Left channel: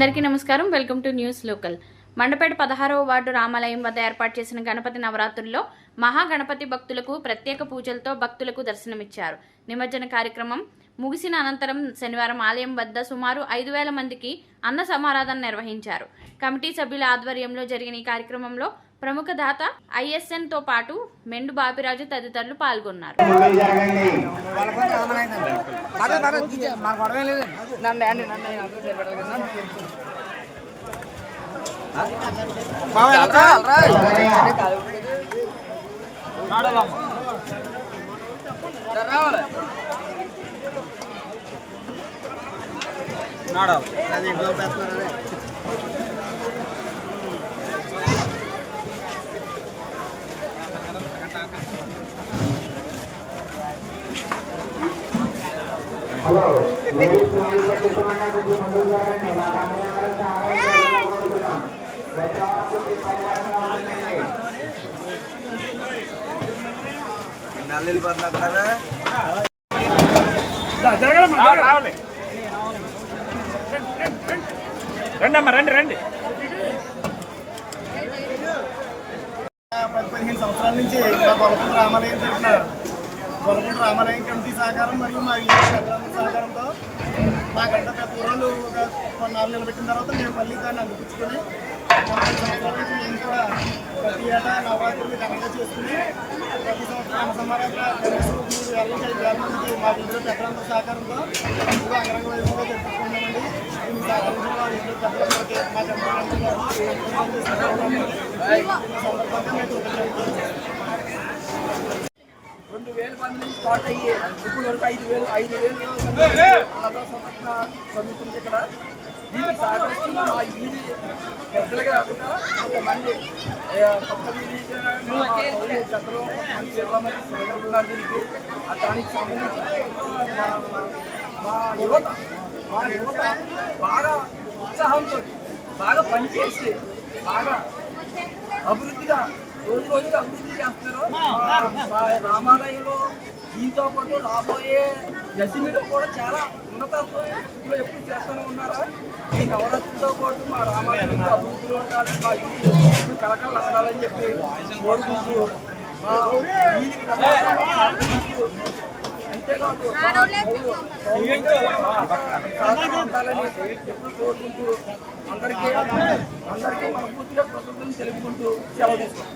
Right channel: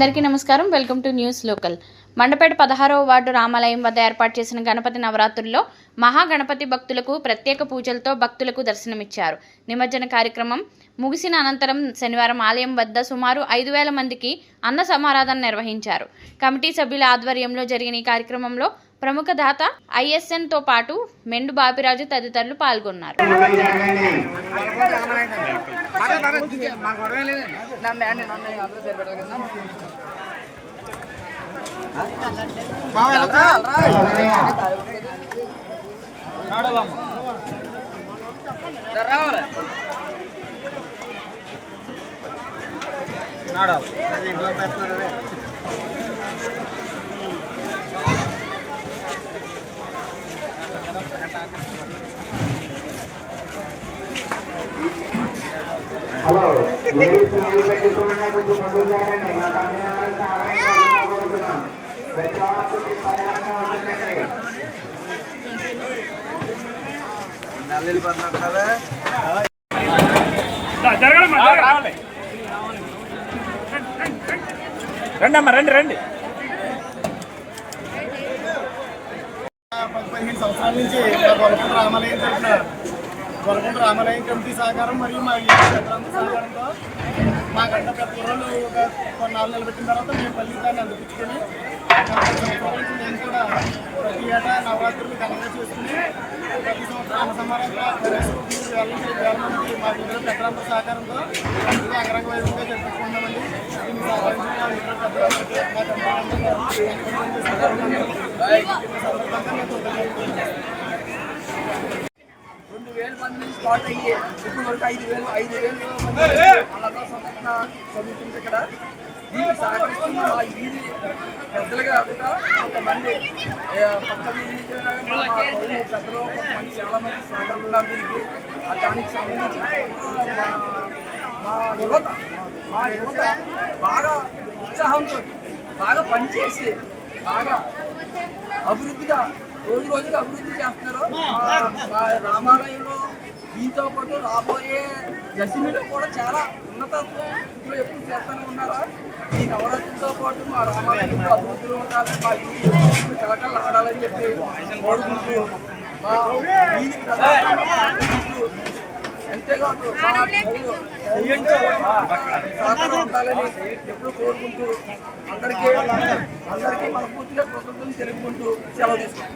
అందరికీ నమస్కారం. Welcome to news local. Mandapeta పదహారవ వార్డు రామాలయం వద్ద ఏర్పాటు చేసిన గణపతి నవరాత్రుల్లో మహాగణపతి భక్తులకు ప్రత్యేక పూజలతో భక్తులకు దర్శనమిచ్చారు. నిమజ్జన కార్యక్రమం ముగిసిన అనంతరం శనివారం ఆలయం వద్ద సుమారు ఐదు వేల మందికి అన్న సమారాధన నిర్వహించారు. కమిటీ సభ్యుల ఆధ్వర్యంలో జరిగిన ఈ కార్యక్రమంలో ప్రముఖ దాత ఐఎస్ఎన్తో పాటు మెండు బాపిరాజు తదితరులు పాల్గొన్నారు. హలో రండి అమ్మ రండి రండి పది పదిహేను సంవత్సరాల నుంచి మా గొలకొండ రామాలయం తరఫున గొలకొండ రామాలయం కమిటీ సహకారం మరియు మా ఇంటి సహకారంతో మా గంట పెద్ద ఊరోళ్ళు ఒక కొన్నాళ్ళు నిలబెట్టిన తర్వాత మేము మళ్ళీ దాన్ని అందిపించుకొని నలభై సంవత్సరాల నుంచి మేము కూడా ప్రతి ఏటా నవరాత్రులు ఘనంగా చేసుకుని ప్రతి సంవత్సరం అన్న సమారాధన కనీసం మూడు వేల నుంచి ఐదు వేల మందికి మా ఇంట్లో పెద్దలందరి సహకారంతో ఇది అంగరంగ వైభవంగా జరుపుకుంటున్నామండి. దీన్ని సహకరించిన మా ఇంట్లో పెద్దలందరికీ మా జన్మలందరికీ సందర్భంగా మేము కృతజ్ఞతలు వేల మంది నుంచి స్టార్ట్ అయ్యి ఇప్పుడు వరకు ఐదు వేలు ఐదు వేలు మంది అన్నదాన సంరక్షణ చదువుతుంది ఇక్కడ దీనికి సహకరిస్తున్న మా వీధి పెద్దలుగా కాకుండా కొంతమంది పక్క వీధి పెద్దలు కొంతమంది చాలా మంది సహకరిస్తున్నారు దీనికి. ఆ దానికి సంబంధించి మా మా యువత మా యువత బాగా ఉత్సాహంతో బాగా పనిచేసి బాగా అభివృద్ధిగా రోజు రోజుగా అభివృద్ధి చేస్తున్నారు. మా- మా రామాలయంలో దీంతో పాటు రాబోయే దశమిలో కూడా చాలా ఉన్నతత్వంలో ఎప్పుడు చేస్తూనే ఉన్నారా? ఈ నవరాత్రులతో పాటు మా రామాలయంలో అభివృద్ధిలో ఉండాలి. మా ఇల్లు కలకలు ఆడాలని చెప్పి కోరుకుంటూ మా వీధికి అంతేకాదు ఉండాలని ఎప్పుడు కోరుకుంటూ అందరికీ అందరికీ మనస్ఫూర్తిగా కృతజ్ఞతలు తెలుపుకుంటూ సెలవు తీసుకుంటాం